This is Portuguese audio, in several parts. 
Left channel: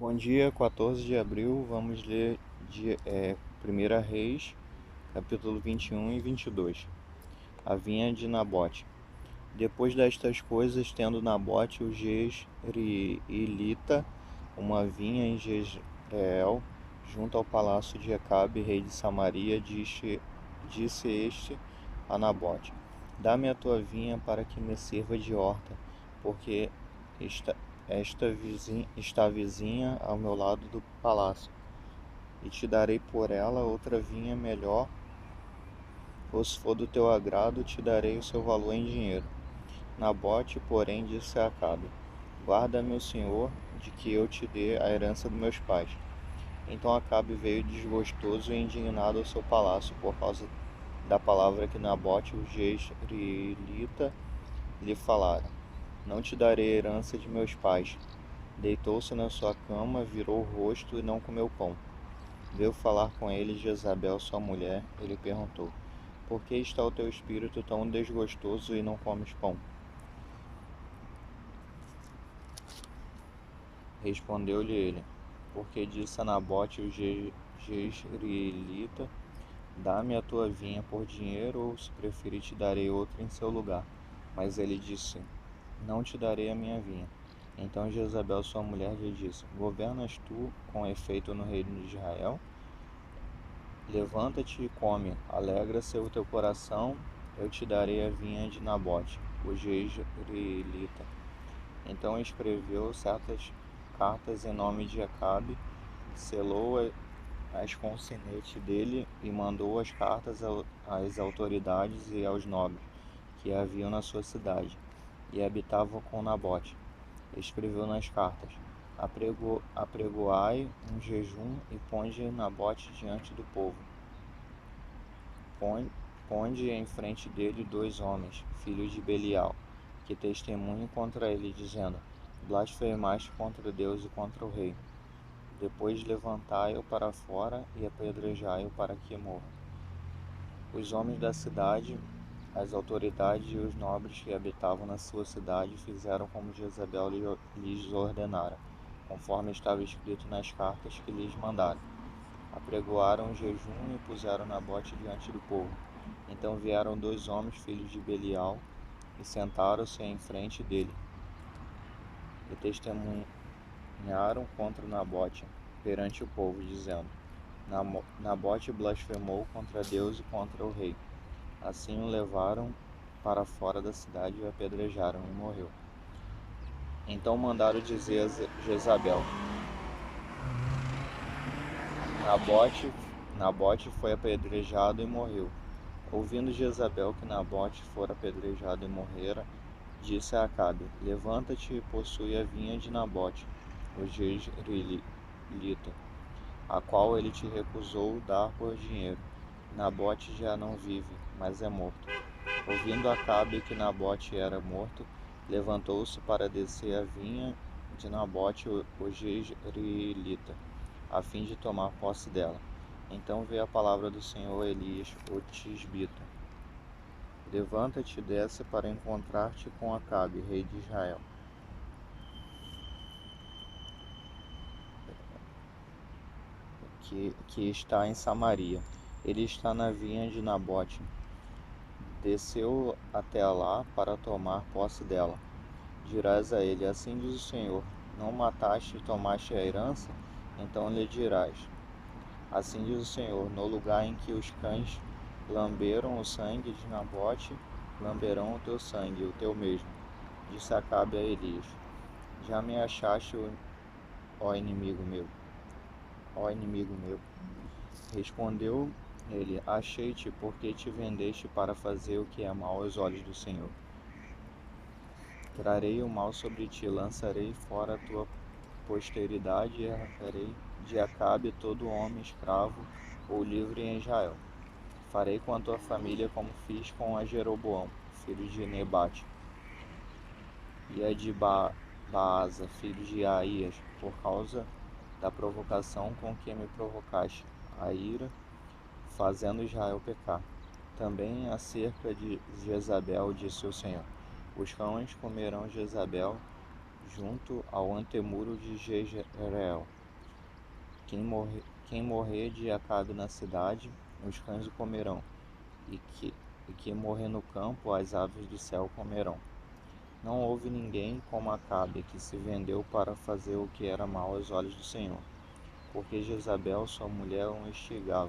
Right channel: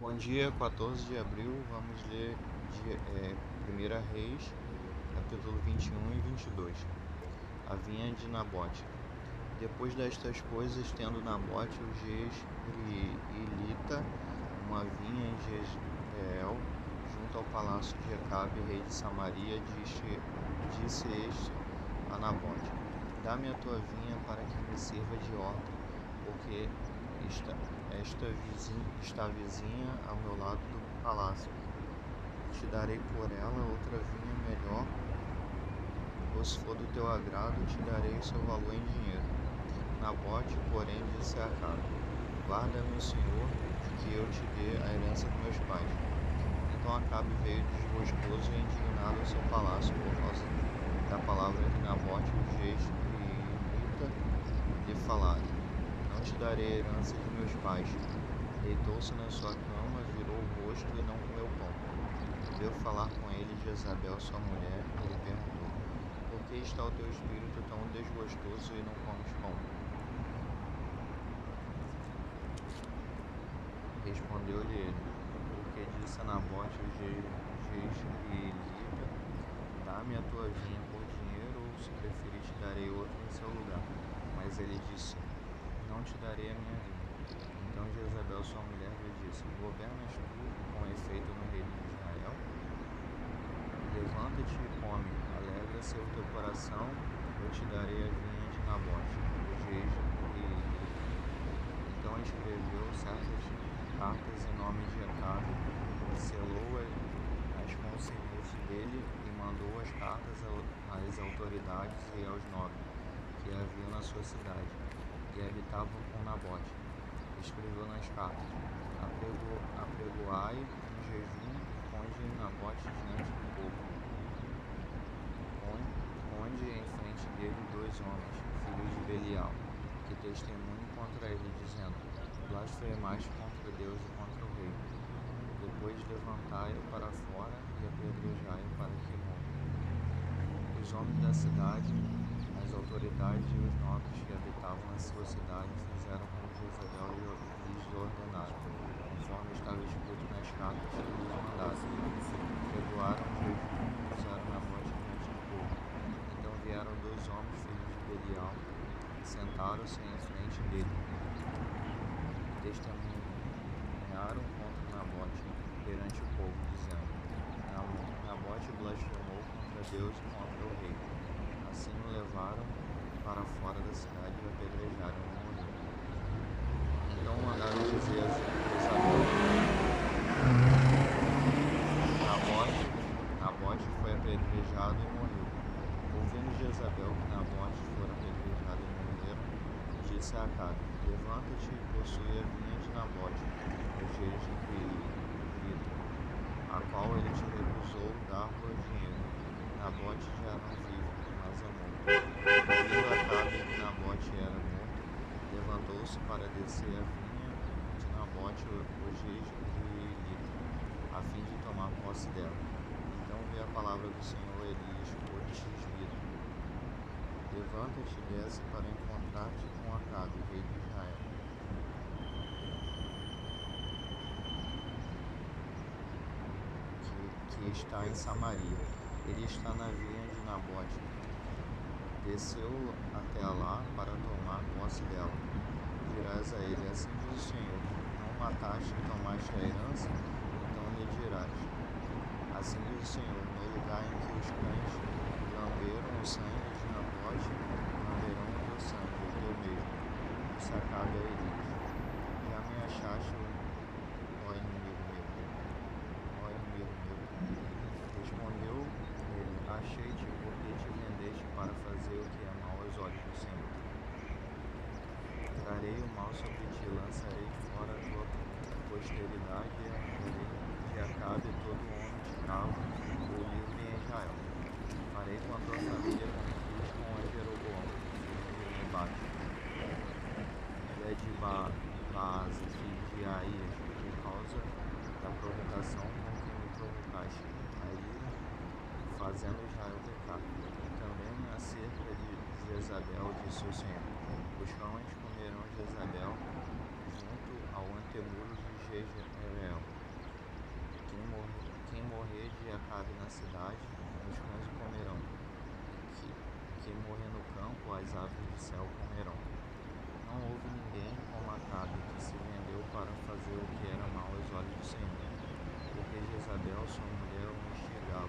Bom dia, 14 de abril, vamos ler 1 Reis, capítulo 21 e 22. A vinha de Nabote. Depois destas coisas, tendo Nabote o jezreelita uma vinha em Jezreel, junto ao palácio de Acabe, rei de Samaria, disse este a Nabote: Dá-me a tua vinha para que me sirva de horta, porque está vizinha ao meu lado do palácio, e te darei por ela outra vinha melhor, ou se for do teu agrado, te darei o seu valor em dinheiro. Nabote, porém, disse a Acabe: Guarda-me o Senhor, de que eu te dê a herança dos meus pais. Então Acabe veio desgostoso e indignado ao seu palácio por causa da palavra que Nabote, o jezreelita, lhe falara: Não te darei a herança de meus pais. Deitou-se na sua cama, virou o rosto e não comeu pão. Veio falar com ele Jezabel, sua mulher, e lhe perguntou: Por que está o teu espírito tão desgostoso e não comes pão? Respondeu-lhe ele: Porque disse a Nabote o jezreelita: Dá-me a tua vinha por dinheiro, ou se preferir te darei outra em seu lugar. Mas ele disse: Não te darei a minha vinha. Então Jezabel, sua mulher, lhe disse: Governas tu com efeito no reino de Israel? Levanta-te e come, alegra-se o teu coração, eu te darei a vinha de Nabote, o jezreelita. Então escreveu certas cartas em nome de Acabe, selou-as com o sinete dele e mandou as cartas às autoridades e aos nobres que haviam na sua cidade e habitavam com Nabote. Escreveu nas cartas: Apregoai um jejum e ponde Nabote diante do povo. Ponde em frente dele 2 homens, filhos de Belial, que testemunhem contra ele, dizendo: Blasfemaste contra Deus e contra o rei. Depois levantai-o para fora e apedrejai-o para que morra. Os homens da cidade, as autoridades e os nobres que habitavam na sua cidade fizeram como Jezabel lhes ordenara, conforme estava escrito nas cartas que lhes mandaram. Apregoaram o jejum e puseram Nabote diante do povo. Então vieram 2 homens, filhos de Belial, e sentaram-se em frente dele, e testemunharam contra Nabote perante o povo, dizendo: Nabote blasfemou contra Deus e contra o rei. Assim o levaram para fora da cidade e o apedrejaram, e morreu. Então mandaram dizer a Jezabel: Nabote foi apedrejado e morreu. Ouvindo Jezabel que Nabote fora apedrejado e morrera, disse a Acabe: Levanta-te e possui a vinha de Nabote, o jezreelita, a qual ele te recusou dar por dinheiro. Nabote já não vive, mas é morto. Ouvindo Acabe que Nabote era morto, levantou-se para descer a vinha de Nabote, o jezreelita, a fim de tomar posse dela. Então veio a palavra do Senhor a Elias, o tisbita: Levanta-te e desce para encontrar-te com Acabe, rei de Israel, que está em Samaria. Ele está na vinha de Nabote. Desceu até lá para tomar posse dela. Dirás a ele: Assim diz o Senhor: Não mataste e tomaste a herança? Então lhe dirás: Assim diz o Senhor: No lugar em que os cães lamberam o sangue de Nabote, lamberão o teu sangue, o teu mesmo. Disse Acabe a Elias: Já me achaste, ó inimigo meu, ó inimigo meu. Respondeu ele: Achei-te, porque te vendeste para fazer o que é mal aos olhos do Senhor. Trarei o mal sobre ti, lançarei fora a tua posteridade e arrancarei de Acabe todo homem escravo ou livre em Israel. Farei com a tua família como fiz com a Jeroboão, filho de Nebate, e a de Baasa, filho de Aías, por causa da provocação com que me provocaste, a ira, fazendo Israel pecar. Também acerca de Jezabel, disse o Senhor: Os cães comerão Jezabel junto ao antemuro de Jezreel. Quem morrer de Acabe na cidade, os cães o comerão, o que morrer no campo, as aves do céu comerão. Não houve ninguém como Acabe, que se vendeu para fazer o que era mal aos olhos do Senhor, porque Jezabel, sua mulher, o instigava.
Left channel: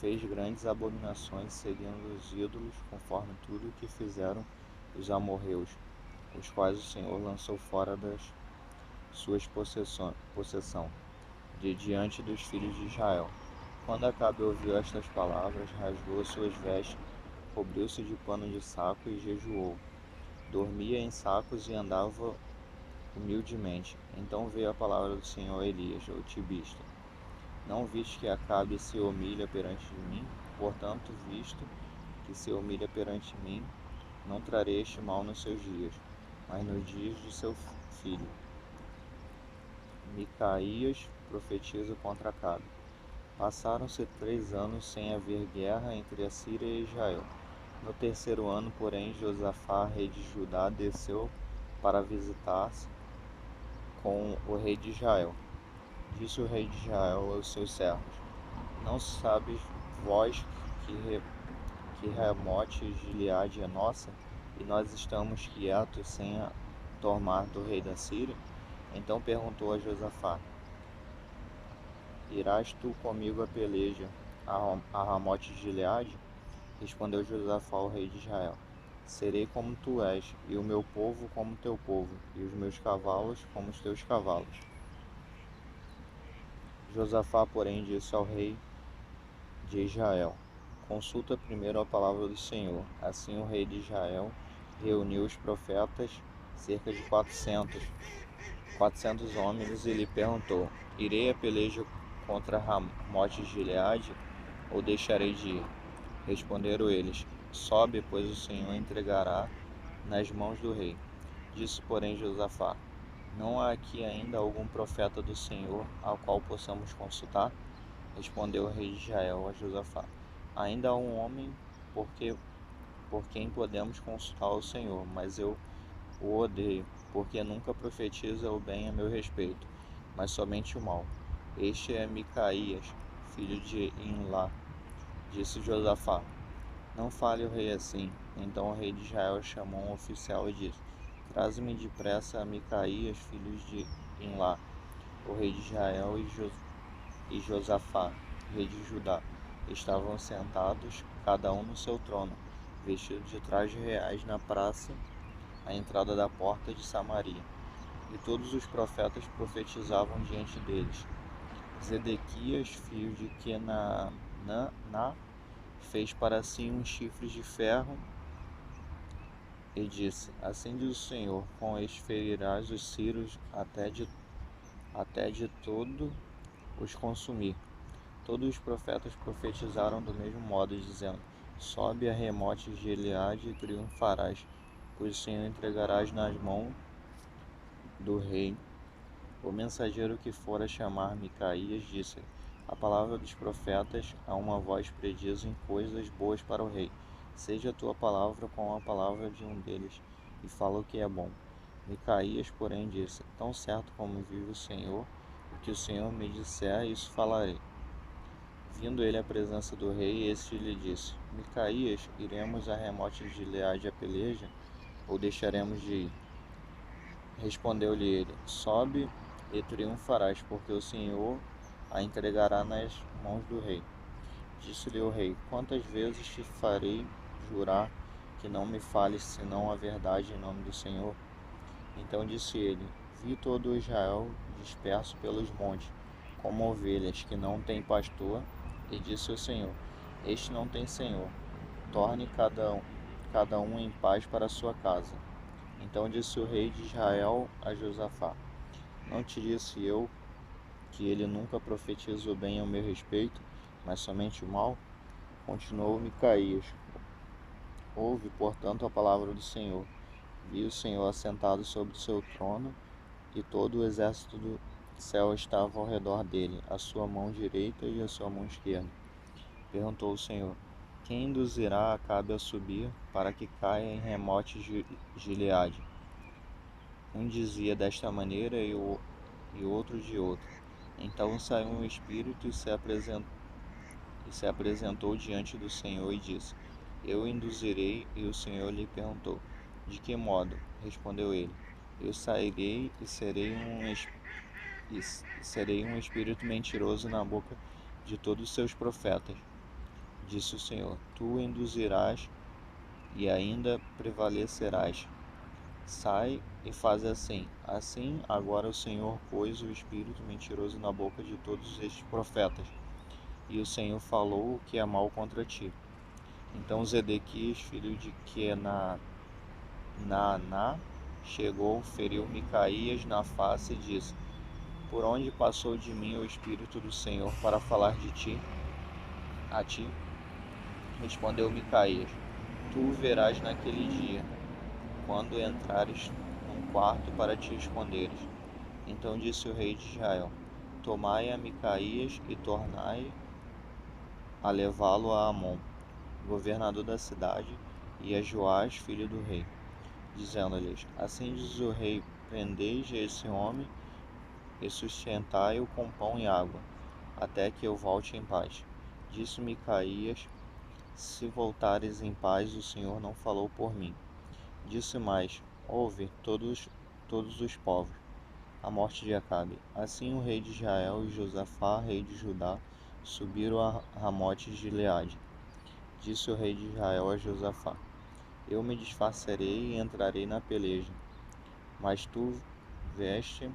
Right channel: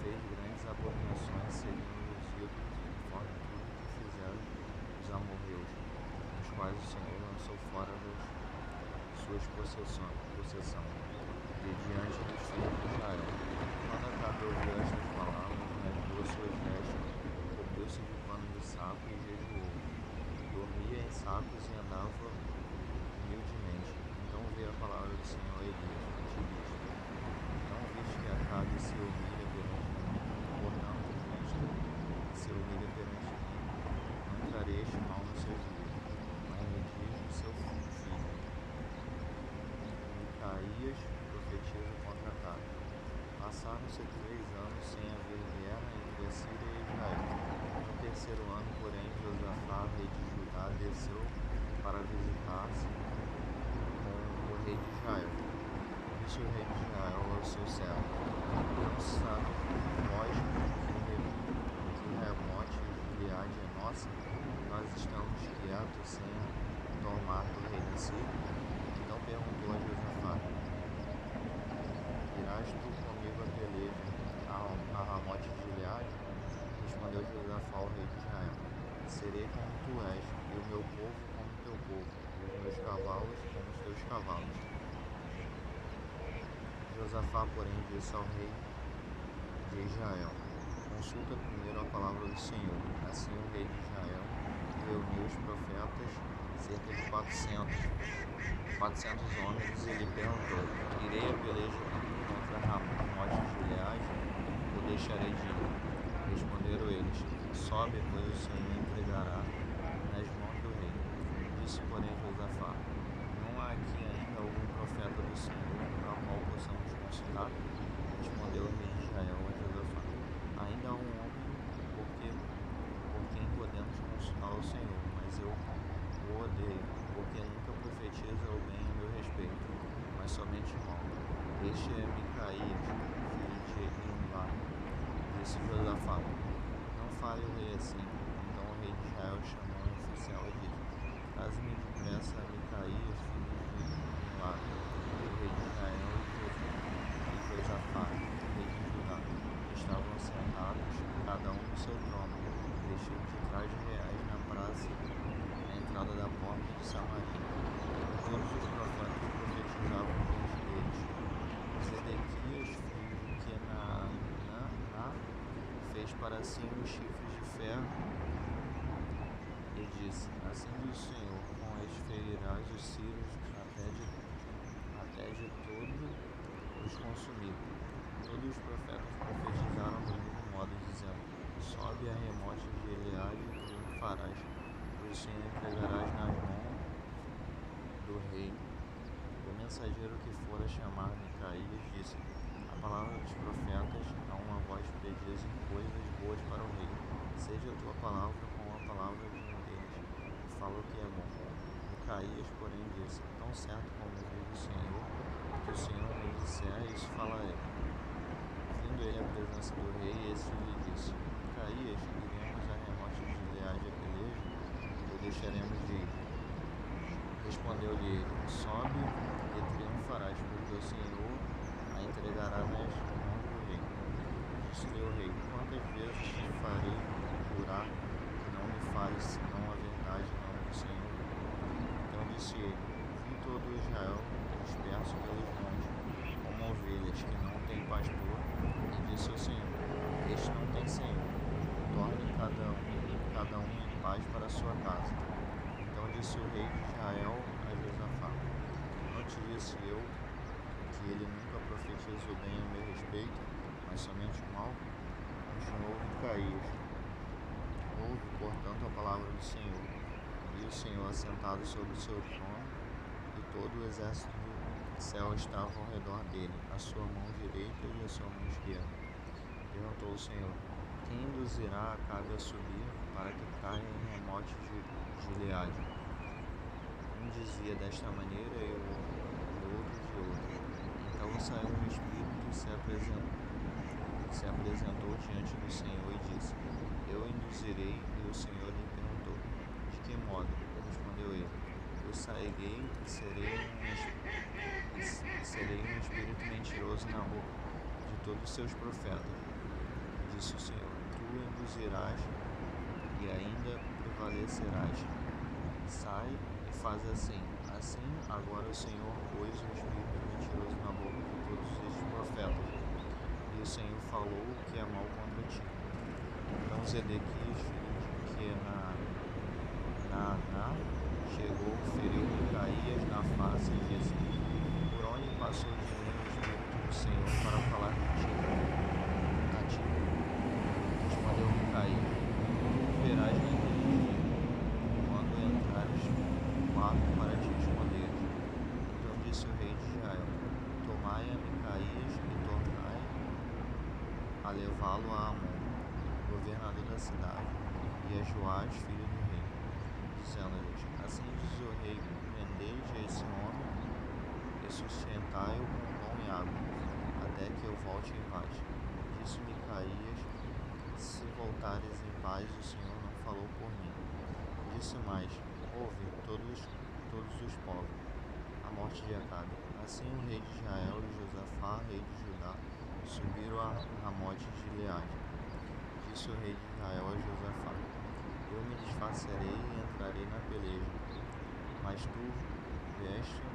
Fez grandes abominações seguindo os ídolos, conforme tudo o que fizeram os amorreus, os quais o Senhor lançou fora das suas possessão, de diante dos filhos de Israel. Quando Acabe ouviu estas palavras, rasgou as suas vestes, cobriu-se de pano de saco e jejuou. Dormia em sacos e andava humildemente. Então veio a palavra do Senhor a Elias, o tibista. Não viste que Acabe se humilha perante mim? Portanto, visto que se humilha perante mim, não trarei este mal nos seus dias, mas nos dias de seu filho. Micaías profetiza contra Acabe. Passaram-se 3 anos sem haver guerra entre a Síria e Israel. No terceiro ano, porém, Josafá, rei de Judá, desceu para visitar-se com o rei de Israel. Disse o rei de Israel aos seus servos: Não sabes vós que Ramote Gileade é nossa, e nós estamos quietos sem a tomar do rei da Síria? Então perguntou a Josafá: Irás tu comigo a peleja a Ramote Gileade? Respondeu Josafá ao rei de Israel: Serei como tu és, e o meu povo como teu povo, e os meus cavalos como os teus cavalos. Josafá, porém, disse ao rei de Israel: Consulta primeiro a palavra do Senhor. Assim o rei de Israel reuniu os profetas, cerca de 400 homens, e lhe perguntou: Irei a peleja contra Ramote de Gileade, ou deixarei de ir? Responderam eles: Sobe, pois o Senhor entregará nas mãos do rei. Disse, porém, Josafá: Não há aqui ainda algum profeta do Senhor ao qual possamos consultar? Respondeu o rei de Israel a Josafá: Ainda há um homem por quem podemos consultar o Senhor, mas eu o odeio, porque nunca profetiza o bem a meu respeito, mas somente o mal. Este é Micaías, filho de Imlá. Disse Josafá: Não fale o rei assim. Então o rei de Israel chamou um oficial e disse: Traze-me depressa a Micaías, filho de Imlá. O rei de Israel e Josafá, rei de Judá, estavam sentados, cada um no seu trono, vestidos de trajes reais na praça, à entrada da porta de Samaria. E todos os profetas profetizavam diante deles. Zedequias, filho de Kenaná, fez para si uns chifres de ferro e disse: Assim diz o Senhor, com este ferirás os círios até de todo os consumir. Todos os profetas profetizaram do mesmo modo, dizendo: Sobe a Ramote de Gileade e triunfarás, pois o Senhor entregarás nas mãos do rei. O mensageiro que fora chamar Micaías disse: A palavra dos profetas é uma voz prediz em coisas boas para o rei. Seja a tua palavra como a palavra de um deles, e fala o que é bom. Micaías, porém, disse: Tão certo como vive o Senhor, que o Senhor me disser, isso falarei. Vindo ele à presença do rei, este lhe disse: Micaías, iremos a Ramote de Gileade a peleja, ou deixaremos de ir? Respondeu-lhe ele: Sobe e triunfarás, porque o Senhor a entregará nas mãos do rei. Disse-lhe o rei: Quantas vezes te farei jurar que não me fales senão a verdade em nome do Senhor? Então disse ele: Vi todo Israel disperso pelos montes, como ovelhas que não têm pastor, e disse o Senhor: Este não tem senhor. Torne cada um em paz para a sua casa. Então disse o rei de Israel a Josafá: Não te disse eu que ele nunca profetiza o bem a meu respeito, mas somente o mal? Continuou Micaías: Ouve, portanto, a palavra do Senhor. Vi o Senhor assentado sobre o seu trono, e todo o exército do céu estava ao redor dele, a sua mão direita e a sua mão esquerda. Perguntou o Senhor: Quem induzirá Acabe a subir para que caia em Ramote Gileade? Um dizia desta maneira e outro de outra. Então saiu um espírito e se apresentou diante do Senhor e disse: Eu induzirei. E o Senhor lhe perguntou: De que modo? Respondeu ele: Eu sairei e serei um espírito mentiroso na boca de todos os seus profetas. Disse o Senhor: Tu induzirás e ainda prevalecerás. Sai e faz assim. Assim, agora o Senhor pôs o espírito mentiroso na boca de todos estes profetas, e o Senhor falou o que é mal contra ti. Então Zedequias, filho de Naaná, chegou, feriu Micaías na face e disse: Por onde passou de mim o espírito do Senhor para falar de ti? A ti? Respondeu Micaías: Tu verás naquele dia, quando entrares no quarto para te esconderes. Então disse o rei de Israel: Tomai a Micaías e tornai a levá-lo a Amon, governador da cidade, e a Joás, filho do rei, dizendo-lhes: Assim diz o rei: Prendei esse homem e sustentai-o com pão e água, até que eu volte em paz. Disse Micaías: Se voltares em paz, o Senhor não falou por mim. Disse mais: Ouve todos os povos, a morte de Acabe. Assim o rei de Israel e Josafá, rei de Judá, subiram a Ramote de Gileade. Disse o rei de Israel a Josafá: Eu me disfarçarei e entrarei na peleja, mas tu veste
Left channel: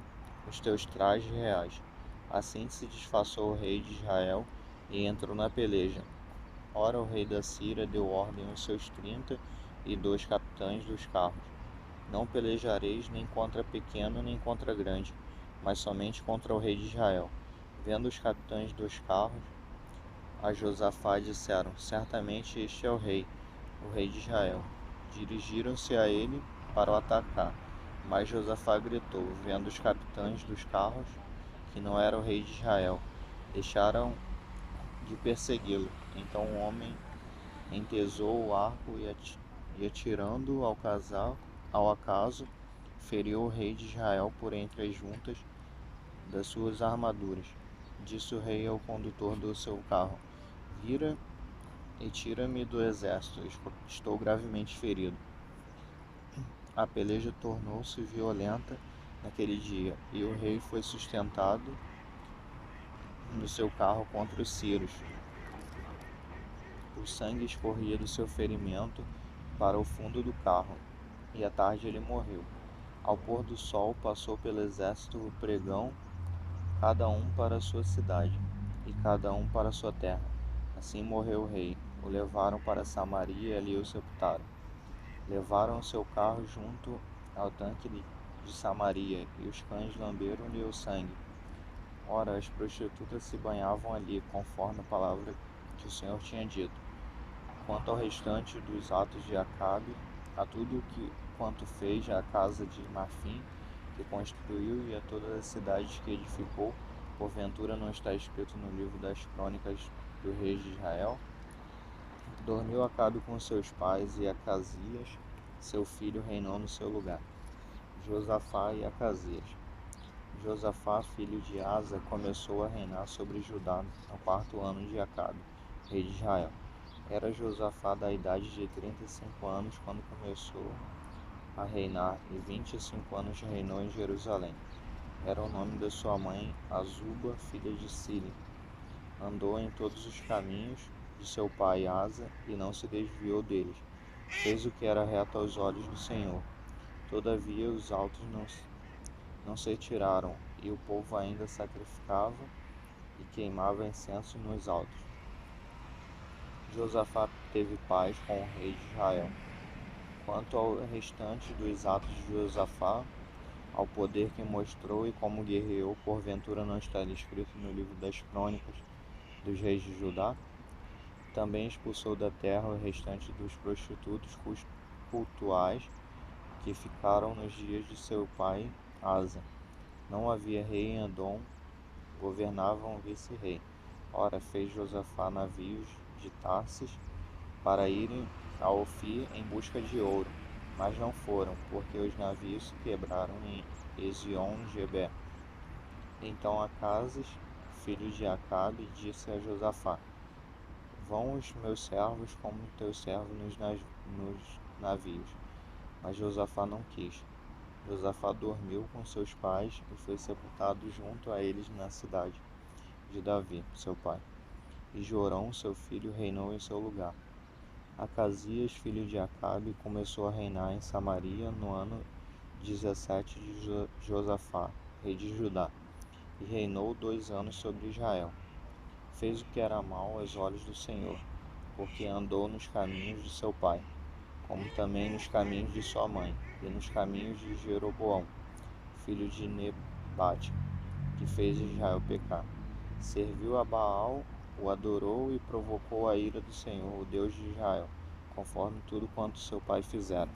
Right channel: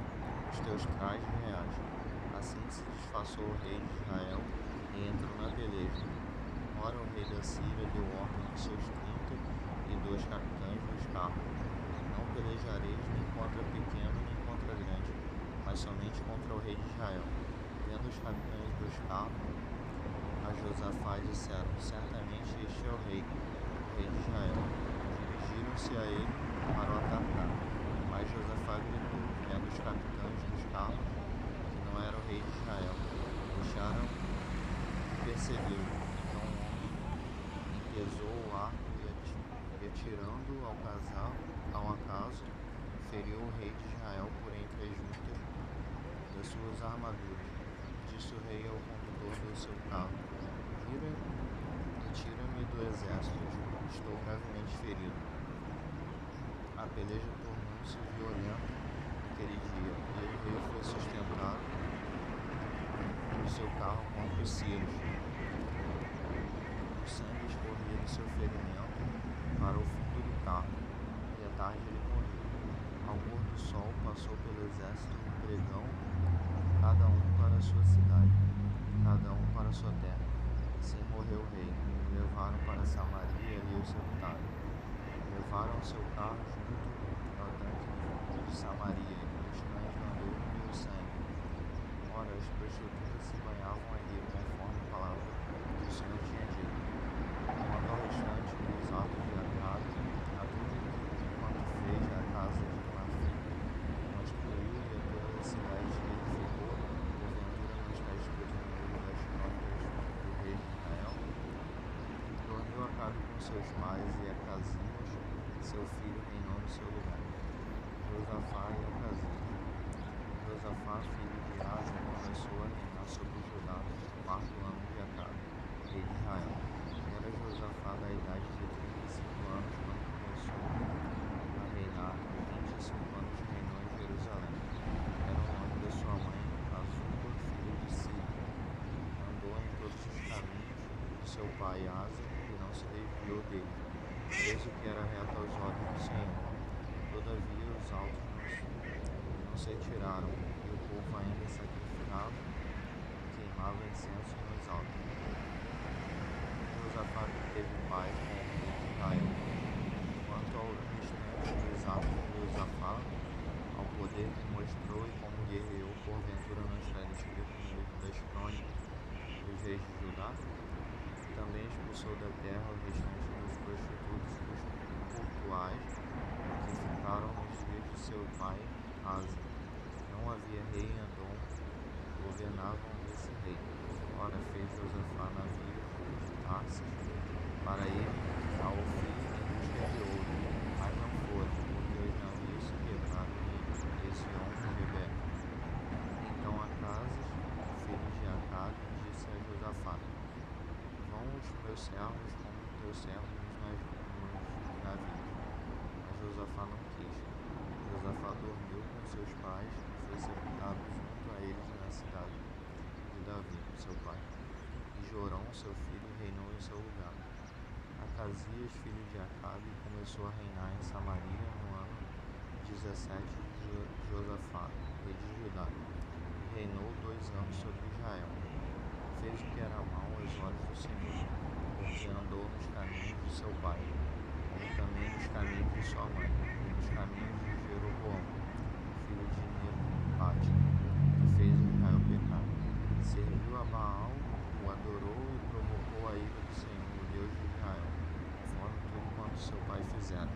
os teus trajes reais. Assim se disfarçou o rei de Israel e entrou na peleja. Ora, o rei da Síria deu ordem aos seus 32 capitães dos carros: Não pelejareis nem contra pequeno nem contra grande, mas somente contra o rei de Israel. Vendo os capitães dos carros a Josafá, disseram: Certamente este é o rei de Israel. Dirigiram-se a ele para o atacar. Mas Josafá gritou, vendo os capitães dos carros que não era o rei de Israel. Deixaram de persegui-lo. Então o homem entesou o arco e atirando ao acaso, feriu o rei de Israel por entre as juntas das suas armaduras. Disse o rei ao condutor do seu carro: Vira e tira-me do exército, estou gravemente ferido. A peleja tornou-se violenta naquele dia, e o rei foi sustentado no seu carro contra os sírios. O sangue escorria do seu ferimento para o fundo do carro, e à tarde ele morreu. Ao pôr do sol passou pelo exército o pregão, cada um para a sua cidade, e cada um para a sua terra. Assim morreu o rei. O levaram para Samaria e ali o sepultaram. Levaram o seu carro junto ao tanque de Samaria, e os cães lamberam-lhe o sangue. Ora, as prostitutas se banhavam ali, conforme a palavra que o Senhor tinha dito. Quanto ao restante dos atos de Acabe, a tudo quanto fez à casa de Marfim, que construiu, e a todas as cidades que edificou, porventura não está escrito no livro das crônicas do rei de Israel? Dormiu Acabe com seus pais, e Acasias, seu filho, reinou no seu lugar. Josafá e Acasias. Josafá, filho de Asa, começou a reinar sobre Judá no quarto ano de Acabe, rei de Israel. Era Josafá da idade de 35 anos quando começou a reinar, e 25 anos reinou em Jerusalém. Era o nome de sua mãe, Azuba, filha de Sili. Andou em todos os caminhos de seu pai Asa e não se desviou deles. Fez o que era reto aos olhos do Senhor. Todavia os altos não se tiraram, e o povo ainda sacrificava e queimava incenso nos altos. Josafá teve paz com o rei de Israel. Quanto ao restante dos atos de Josafá, ao poder que mostrou e como guerreou, porventura não está escrito no livro das crônicas dos reis de Judá? Também expulsou da terra o restante dos prostitutos cultuais que ficaram nos dias de seu pai Asa. Não havia rei em Edom, governava um vice-rei. Ora, fez Josafá navios de Tarsis para irem a Ofir em busca de ouro. mas não foram, porque os navios se quebraram em Ezion-Geber. Então Acasias, filho de Acabe, disse a Josafá: Vão os meus servos como teus servos nos navios. Mas Josafá não quis. Josafá dormiu com seus pais e foi sepultado junto a eles na cidade de Davi, seu pai. E Jorão, seu filho, reinou em seu lugar. Acasias, filho de Acabe, começou a reinar em Samaria no ano 17 de Josafá, rei de Judá, e reinou 2 anos sobre Israel. Fez o que era mal aos olhos do Senhor, porque andou nos caminhos de seu pai, como também nos caminhos de sua mãe, e nos caminhos de Jeroboão, filho de Nebate, que fez Israel pecar. Serviu a Baal, o adorou e provocou a ira do Senhor, o Deus de Israel, conforme tudo quanto seu pai fizera.